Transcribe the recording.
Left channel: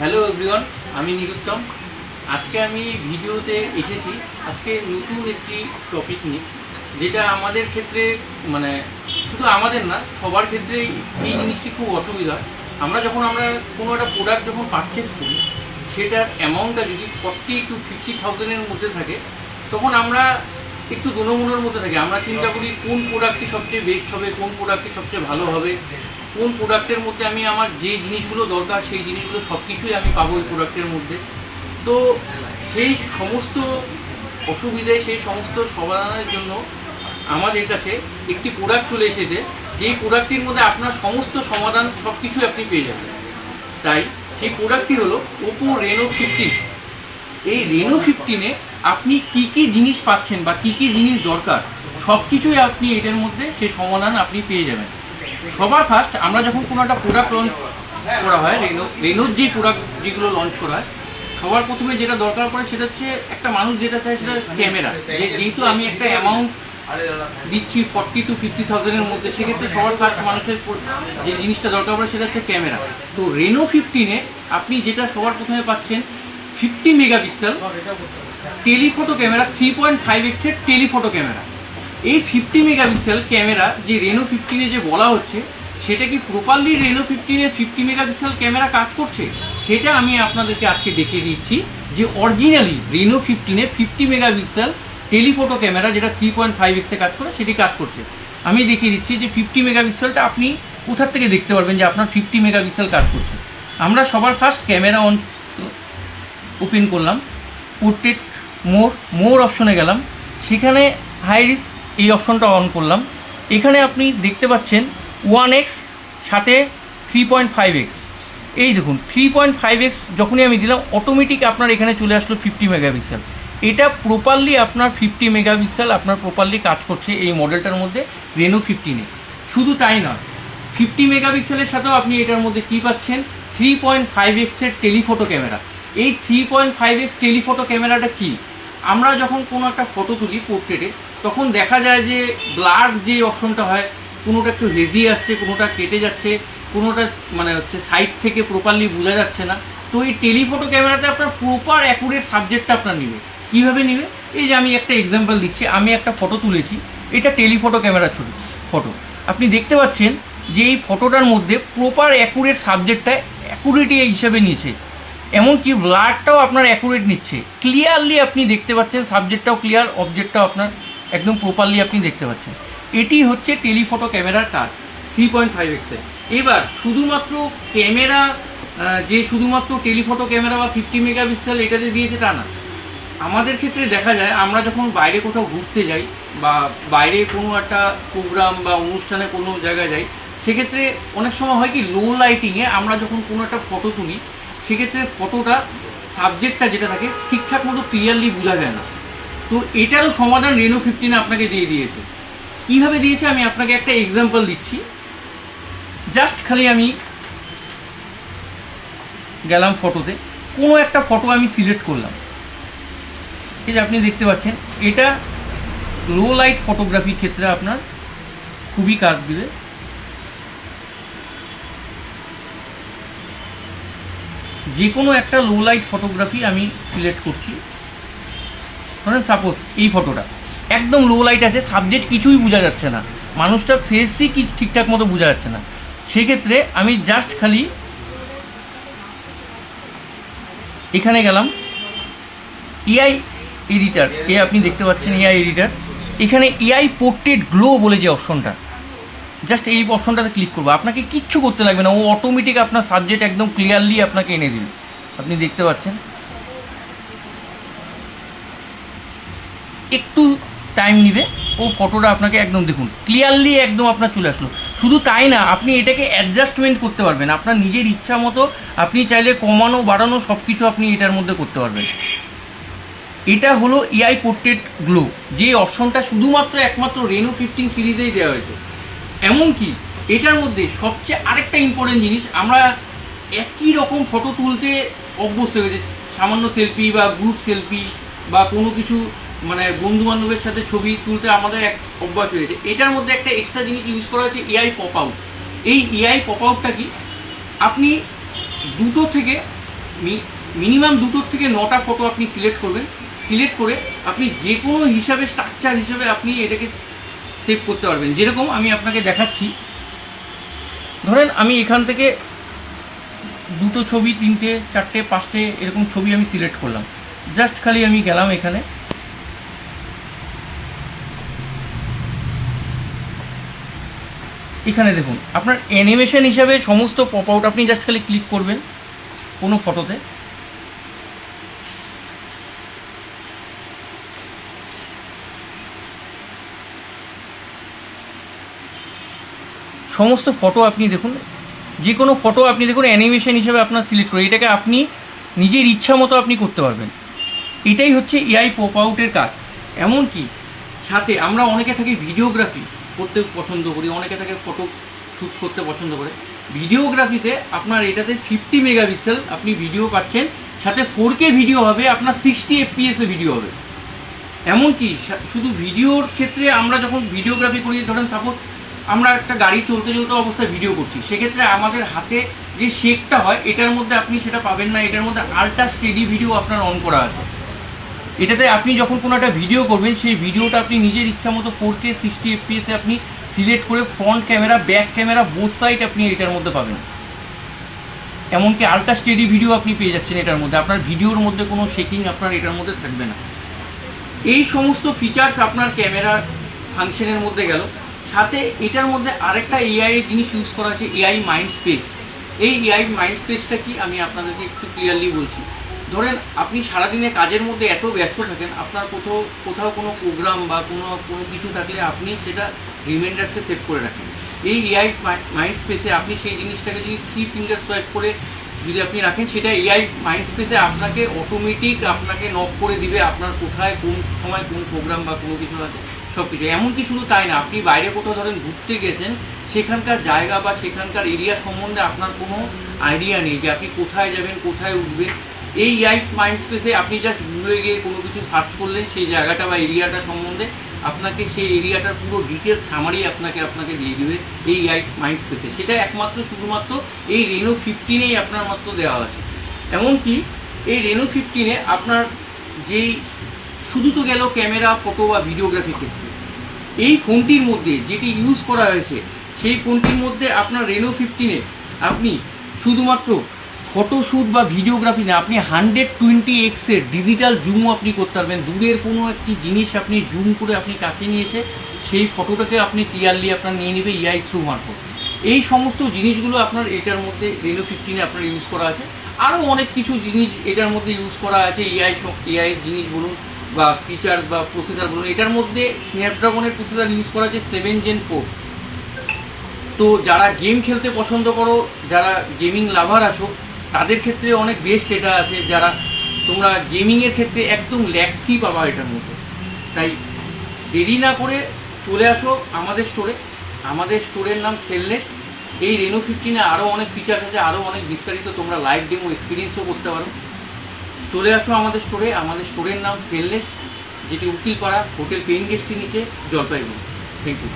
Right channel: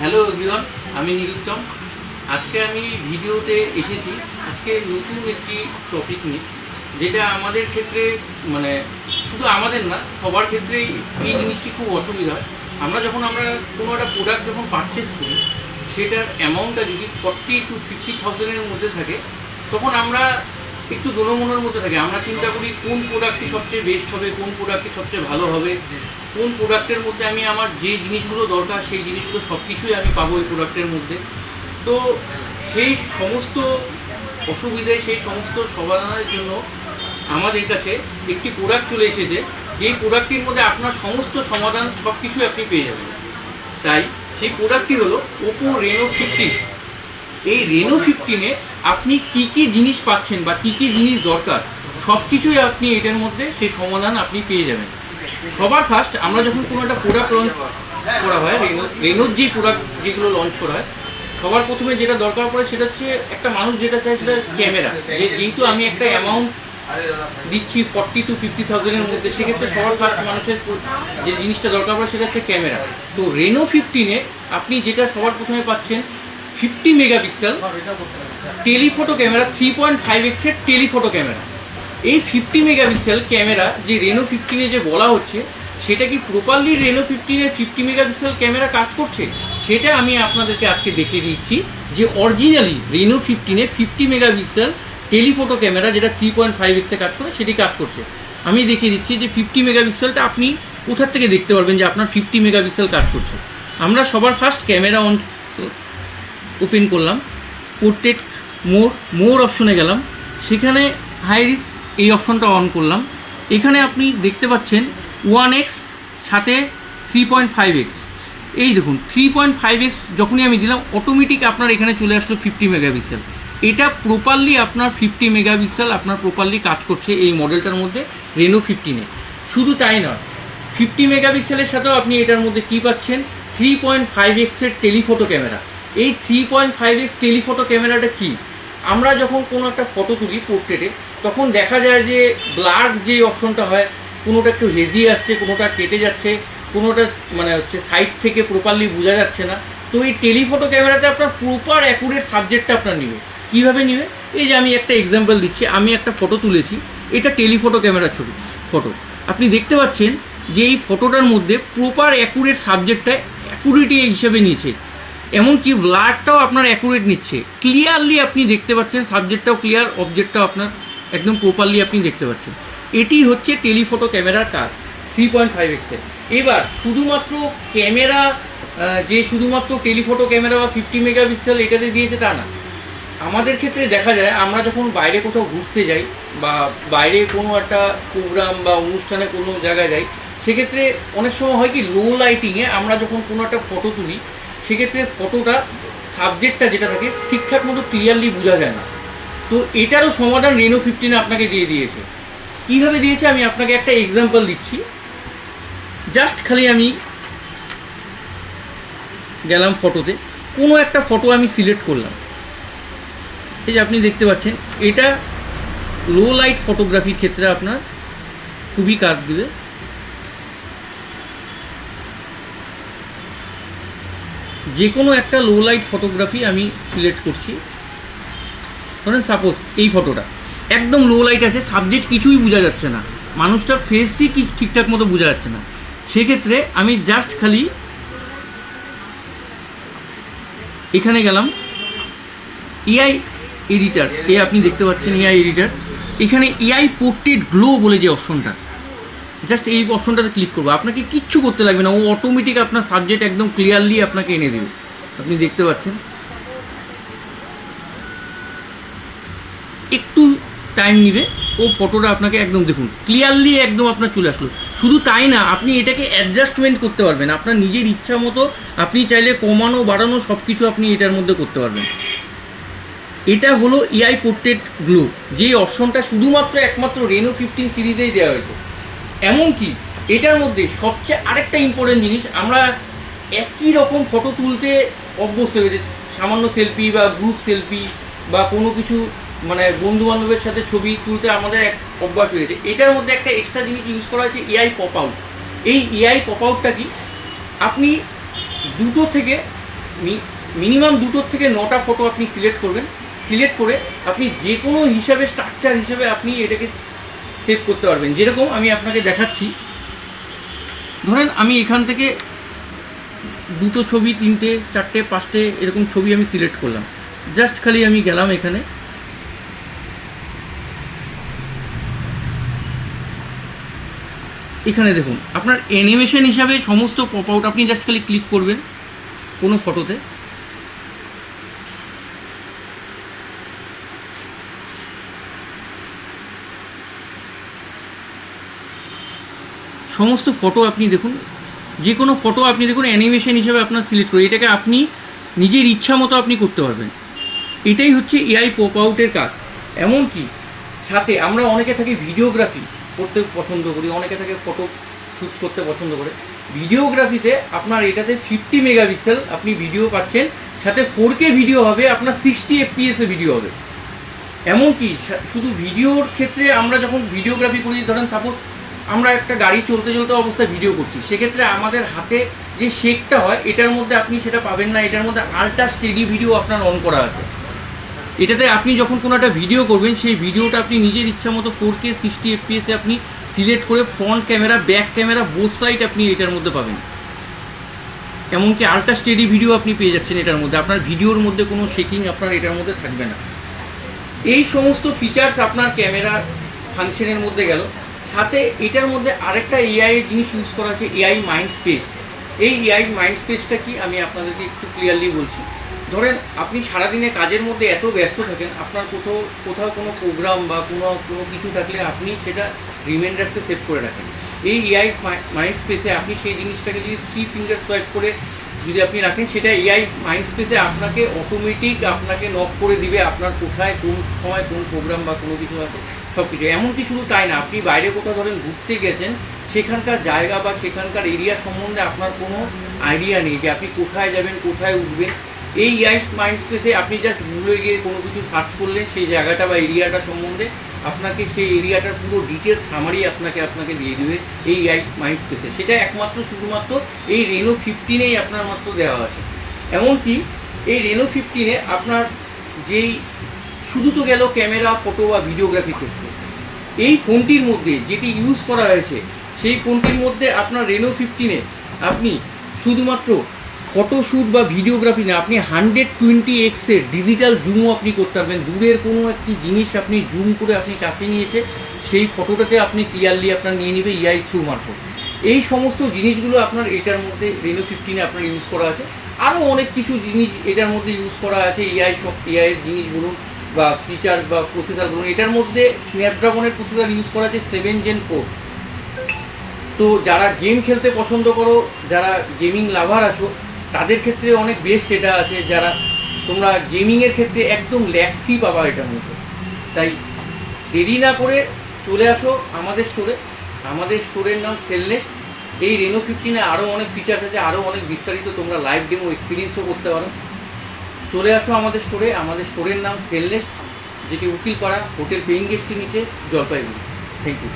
Hello everyone, আমি নিরুত্তম। আজকে আমি ভিডিওতে এসেছি আজকে নতুন একটি টপিক নিয়ে, যেটা আমাদের ক্ষেত্রে মানে শুধু আমাদের না, সবার ক্ষেত্রেই এই জিনিসটি খুব অসুবিধা। আমরা কোনো একটা প্রোডাক্ট যখন পারচেস করি, সেটার অ্যামাউন্টটা যদি 40 to 50,000-এর মধ্যে থাকে, তখন আমরা একটু দোলমনের মধ্যে থাকি। আমরা চিন্তা করি কোন প্রোডাক্টটি সবচেয়ে বেস্ট হবে, কোন প্রোডাক্টটি সবচেয়ে ভালো হবে, কোন প্রোডাক্টের মধ্যে আমি আমার যে জিনিসগুলো দরকার সেই জিনিসগুলো সব কিছুই আমি পাবো এই প্রোডাক্টের মধ্যে। তো সেই সমস্ত অসুবিধে, সেই সমস্ত সমাধানের জন্য আমাদের কাছে একটি প্রোডাক্ট চলে এসেছে, যেই প্রোডাক্টটির মধ্যে আপনার সমস্ত সমাধান সব কিছুই আপনি পেয়ে যাবেন। তাই সেই প্রোডাক্টটি হলো ওপো রেনো 15। এই রেনো 15-এ আপনি কী কী জিনিস পাচ্ছেন বা কী কী জিনিস দরকার, সব কিছুই আপনি এটার মধ্যে সেই সমাধান আপনি পেয়ে যাবেন। সবার ফার্স্ট আমরা যখন কোনো একটা প্রোডাক্ট লঞ্চ করা হয়, রেনোর যে প্রোডাক্ট যেগুলো লঞ্চ করা হয়, সবার প্রথমে যেটা দরকার পড়ে সেটা হচ্ছে, একটা মানুষ যেটা চায় সেটা ক্যামেরা। যেহেতু আমি একটা অ্যামাউন্ট দিচ্ছি 40 to 50,000-এর মধ্যে, সেক্ষেত্রে সবার ফার্স্ট মানুষের যে জিনিসটা দরকার পড়ে সেটা হচ্ছে ক্যামেরা। তো রেনো 15-এ আপনি যেটা সবার প্রথমে পাচ্ছেন, 50 মেগাপিক্সেল টেলিফটো ক্যামেরা, 3.5x-এর টেলিফটো ক্যামেরা। এই 50 মেগাপিক্সেল ক্যামেরা যে রেনো 15-এ যে বলা হচ্ছে, সেটা কি প্রপারলি রেনো 15-এ 50 মেগাপিক্সেল ক্যামেরা কাজ করছে, সেটা আমি আপনাদেরকে আজকে দেখিয়ে দিচ্ছি। যে অরিজিনালি রেনো 15-এ 50 মেগাপিক্সেল টেলিফটো ক্যামেরা যেটা 3.5x-এ কাজ করে, সেটি কাজ করছে। আমি দেখিয়ে দিচ্ছি যে 50 মেগাপিক্সেলটা আপনি কোথার থেকে দেখতে পারবেন যে আপনার 50 মেগাপিক্সেল কাজ করছে। আমরা সবার ফার্স্ট ক্যামেরা ওপেন করলাম, পোর্ট্রেট মোর অপশনে গেলাম, সেখানে হাই রিস্ক এই অপশনটা অন করলাম। এখানে আপনি দেখতে পাচ্ছেন 1x সাথে 3.5x। এই দেখুন 3.5x যখনই আমি দিলাম, অটোমেটিক আপনার এখানে চলে আসলো 50 মেগাপিক্সেল। এটা প্রপারলি আপনার 50 মেগাপিক্সেল আপনার প্রপারলি কাজ করছে এই মডেলটার মধ্যে, রেনো 15-এ। শুধু তাই নয়, 50 মেগাপিক্সেলের সাথেও আপনি এটার মধ্যে কী পাচ্ছেন, 3.5x-এর টেলিফটো ক্যামেরা। এই 3.5x টেলিফটো ক্যামেরাটা কি, আমরা যখন কোনো একটা ফটো তুলি পোর্ট্রেটে, তখন দেখা যায় যে ব্লার যে অপশনটা হয়, কোনোটা একটু হেজি আসছে, কোনোটা কেটে যাচ্ছে, কোনোটা সাইড থেকে প্রপারলি বোঝা যাচ্ছে না। তো এই টেলিফটো ক্যামেরাতে আপনার প্রপার অ্যাকুরেট সাবজেক্টটা আপনার নেবে। কীভাবে নেবে, এই যে আমি একটা এক্সাম্পল দিচ্ছি, আমি একটা ফটো তুলেছি, এটা টেলিফটো ক্যামেরার ফটো। আপনি দেখতে পাচ্ছেন যে এই ফটোটার মধ্যে প্রপার অ্যাকুরেট সাবজেক্টটা অ্যাকুরেটি হিসেবে নিয়েছে, এমনকি ব্লারটাও আপনার অ্যাকুরেট নিচ্ছে। ক্লিয়ারলি আপনি দেখতে পাচ্ছেন, সাবজেক্টটাও ক্লিয়ার, অবজেক্টটাও আপনার একদম প্রপারলি আপনি দেখতে পাচ্ছেন। এটি হচ্ছে টেলিফটো ক্যামেরার কাজ 3.5x-এর। এবার শুধুমাত্র ক্যামেরা যে শুধুমাত্র টেলিফটো ক্যামেরা বা 50 মেগাপিক্সেল এটাতে দিয়েছে তা না। আমাদের ক্ষেত্রে দেখা যায়, আমরা যখন বাইরে কোথাও ঘুরতে যাই বা বাইরে কোনো একটা প্রোগ্রাম বা অনুষ্ঠানে কোনো জায়গায় যাই, সেক্ষেত্রে অনেক সময় হয় কি, লো লাইটিংয়ে আমরা যখন কোনো একটা ফটো তুলি, সেক্ষেত্রে ফটোটা সাবজেক্টটা যেটা থাকে ঠিকঠাক মতো ক্লিয়ারলি বোঝা যায় না। তো এটারও সমাধান রেনো 15 আপনাকে দিয়ে দিয়েছে। কীভাবে দিয়েছে আমি আপনাকে একটা এক্সাম্পল দিচ্ছি। জাস্ট খালি আমি গেলাম ফটোতে, কোনো একটা ফটো আমি সিলেক্ট করলাম, এই যে আপনি দেখতে পাচ্ছেন, এটা লো লাইট ফটোগ্রাফির ক্ষেত্রে আপনার খুবই কাজ দেবে। যে কোনো একটা লো লাইট ফটোগ্রাফি আমি সিলেক্ট করছি। ধরেন সাপোজ এই ফটোটা একদম লো লাইট আছে, সাবজেক্ট কিছুই বোঝা যাচ্ছে না, মানুষটার ফেসই কি ঠিকঠাক মতো বোঝা যাচ্ছে না। সেক্ষেত্রে আমি জাস্ট খালি এখানে গেলাম, এআই এডিটার, আপনি দেখতে পাচ্ছেন এআই এডিটার। এখানে এআই পোর্ট্রেট গ্লো বলে যে অপশনটা, জাস্ট এই অপশনটাতে ক্লিক করবো। আপনাকে কিচ্ছু করতে লাগবে না, ও অটোমেটিক আপনার সাবজেক্ট একদম ক্লিয়ারলি আপনাকে এনে দেবে। আপনি দেখতে পাচ্ছেন, একটু টাইম নেবে, ও ফটোটা আপনাকে একদম দেখুন ক্লিয়ারলি একদম আপনার চলে আসলো। শুধু তাই না, আপনি এটাকে অ্যাডজাস্টমেন্ট করতে পারবেন আপনার নিজের ইচ্ছা মতো। আপনি চাইলে কমানো বাড়ানো সব কিছু আপনি এটার মধ্যে করতে পারবেন। এটা হলো এআই পোর্ট্রেট গ্লো, যে অপশনটা শুধুমাত্র একমাত্র রেনো 15 সিরিজেই দেওয়া হয়েছে। এমনকি এটার মধ্যে সবচেয়ে আরেকটা ইম্পর্টেন্ট জিনিস, আমরা একই রকম ফটো তুলতে অভ্যস্ত হয়ে গেছে, সামান্য সেলফি বা গ্রুপ সেলফি বা কোনো কিছু বন্ধু বান্ধবের সাথে ছবি তুলতে আমাদের এক অভ্যাস হয়ে গেছে। এটার মধ্যে একটা এক্সট্রা জিনিস ইউজ করা হয়েছে, এআই পপ আউট। এই এআই পপ আউটটা কি, আপনি 2 থেকে মিনিমাম 2 থেকে 9টা ফটো আপনি সিলেক্ট করবেন। সিলেক্ট করে আপনি যে কোনো হিসাবে স্ট্রাকচার হিসাবে আপনি এটাকে সেভ করতে পারবেন। যেরকম আমি আপনাকে দেখাচ্ছি, ধরেন আমি এখান থেকে 2টো ছবি, 3টে, 4টে, 5টে এরকম ছবি আমি সিলেক্ট করলাম। জাস্ট খালি আমি গেলাম এখানে, এখানে দেখুন আপনার অ্যানিমেশন হিসাবে সমস্ত পপ আউট, আপনি জাস্ট খালি ক্লিক করবেন কোনো ফটোতে, সমস্ত ফটো আপনি দেখুন, যে কোনো ফটো আপনি দেখুন অ্যানিমেশন হিসাবে আপনার সিলেক্ট করে এটাকে আপনি নিজের ইচ্ছা মতো আপনি করতে পারবেন। এটাই হচ্ছে এআই পপ আউটের কাজ। এমনকি সাথে আমরা অনেকে থাকি ভিডিওগ্রাফি করতে পছন্দ করি, অনেকে থাকে ফটো শ্যুট করতে পছন্দ করে। ভিডিওগ্রাফিতে আপনার এটাতে 50 মেগাপিক্সেল আপনি ভিডিও পাচ্ছেন, সাথে 4K ভিডিও হবে, আপনার 60 FPS এ ভিডিও হবে। এমনকি শুধু ভিডিওর ক্ষেত্রে আমরা যখন ভিডিওগ্রাফি করি, ধরেন সাপোজ আমরা একটা গাড়ি চলতে চলতে অবস্থায় ভিডিও করছি, সেক্ষেত্রে আমাদের হাতে যে শেকটা হয় এটার মধ্যে আপনি সেটা পাবেন না। এটার মধ্যে আল্ট্রা স্টেডি ভিডিও আপনার অন করা আছে। এটাতে আপনি যখন কোনো একটা ভিডিও করবেন, সেই ভিডিওটা আপনি নিজের ইচ্ছা মতো 4K 60 FPS এ আপনি সিলেক্ট করে front camera, back camera, both side আপনি এটার মধ্যে পাবেন। এমনকি আল্ট্রা স্টেডি ভিডিও আপনি পেয়ে যাচ্ছেন এটার মধ্যে। আপনার ভিডিওর মধ্যে কোনো শেকিং আপনার এটার মধ্যে থাকবে না। এই সমস্ত ফিচার্স আপনার ক্যামেরার ফাংশনের মধ্যে গেল। সাথে এটার মধ্যে আরেকটা এআই এর জিনিস ইউজ করা আছে, এআই মাইন্ড স্পেস। এই এআই মাইন্ড স্পেসটা কি আমি আপনাদেরকে একটু ক্লিয়ারলি বলছি। ধরেন আপনি সারাদিনে কাজের মধ্যে এত ব্যস্ত থাকেন, আপনার কোথাও কোনো প্রোগ্রাম বা কোনো কিছু থাকলে আপনি সেটা রিমাইন্ডার্সে সেভ করে রাখেন। এই এআই মাইন্ড স্পেসে আপনি সেই জিনিসটাকে যদি 3 ফিঙ্গার সোয়াইপ করে যদি আপনি রাখেন, সেটা এআই মাইন্ড স্পেসে আপনাকে অটোমেটিক আপনাকে নক করে দিবে আপনার কোথায় কোন সময় কোন প্রোগ্রাম বা কোনো কিছু আছে সব কিছু। এমনকি শুধু তাই না, আপনি বাইরে কোথাও ধরেন ঘুরতে গেছেন, সেখানকার জায়গা বা সেখানকার এরিয়া সম্বন্ধে আপনার কোনো আইডিয়া নেই যে আপনি কোথায় যাবেন, কোথায় উঠবেন। এই এআই মাইন্ড স্পেসে আপনি জাস্ট গুগলে গিয়ে কোনো কিছু সার্চ করলে সেই জায়গাটা বা এরিয়াটা সম্বন্ধে আপনাকে সেই এরিয়াটার পুরো ডিটেলস সামারি আপনাকে দিয়ে দেবে এই এআই মাইন্ড স্পেসে। সেটা একমাত্র শুধুমাত্র এই রেনো 15-এই আপনার মাত্র দেওয়া আছে। এমনকি এই রেনো 15-এ আপনার যেই শুধু তো গেল ক্যামেরা, ফটো বা ভিডিওগ্রাফি ক্ষেত্রে, এই ফোনটির মধ্যে যেটি ইউজ করা হয়েছে সেই ফোনটির মধ্যে আপনার রেনো 15-এ আপনি শুধুমাত্র ফটোশ্যুট বা ভিডিওগ্রাফি না, আপনি 120x এর ডিজিটাল জুমও আপনি করতে পারবেন। দূরের কোনো একটি জিনিস আপনি জুম করে আপনি কাছে নিয়ে এসে সেই ফটোটাকে আপনি ক্লিয়ারলি আপনার নিয়ে নেবে এআই থ্রু মারফত। এই সমস্ত জিনিসগুলো আপনার এটার মধ্যে রেনো 15-এ আপনার ইউজ করা আছে। আরও অনেক কিছু জিনিস এটার মধ্যে ইউজ করা আছে, এআইয়ের জিনিস বলুন বা ফিচার বা প্রসেসর বলুন। এটার মধ্যে স্ন্যাপড্রাগনের প্রসেসর ইউজ করা আছে 7 Gen 4। তো যারা গেম খেলতে পছন্দ করো, যারা গেমিং লাভার আছো, তাদের ক্ষেত্রে অনেক বেস্ট এটা আছে। যারা তোমরা গেমিংয়ের ক্ষেত্রে একদম ল্যাগ ফ্রি পাবা এটার মধ্যে। তাই দেরি না করে চলে আসো আমাদের স্টোরে। আমাদের স্টোরের নাম সেলনেস্ট। এই রেনো 15-এ আরও অনেক ফিচার আছে, আরও অনেক বিস্তারিত তোমরা লাইভ ডেমো এক্সপিরিয়েন্সও করতে পারো। চলে আসো আমাদের স্টোরে। আমাদের স্টোরের নাম সেলনেস্ট, যেটি উকিলপাড়া হোটেল পেইন গেস্টের নিচে, জলপাইগুড়ি। Thank you.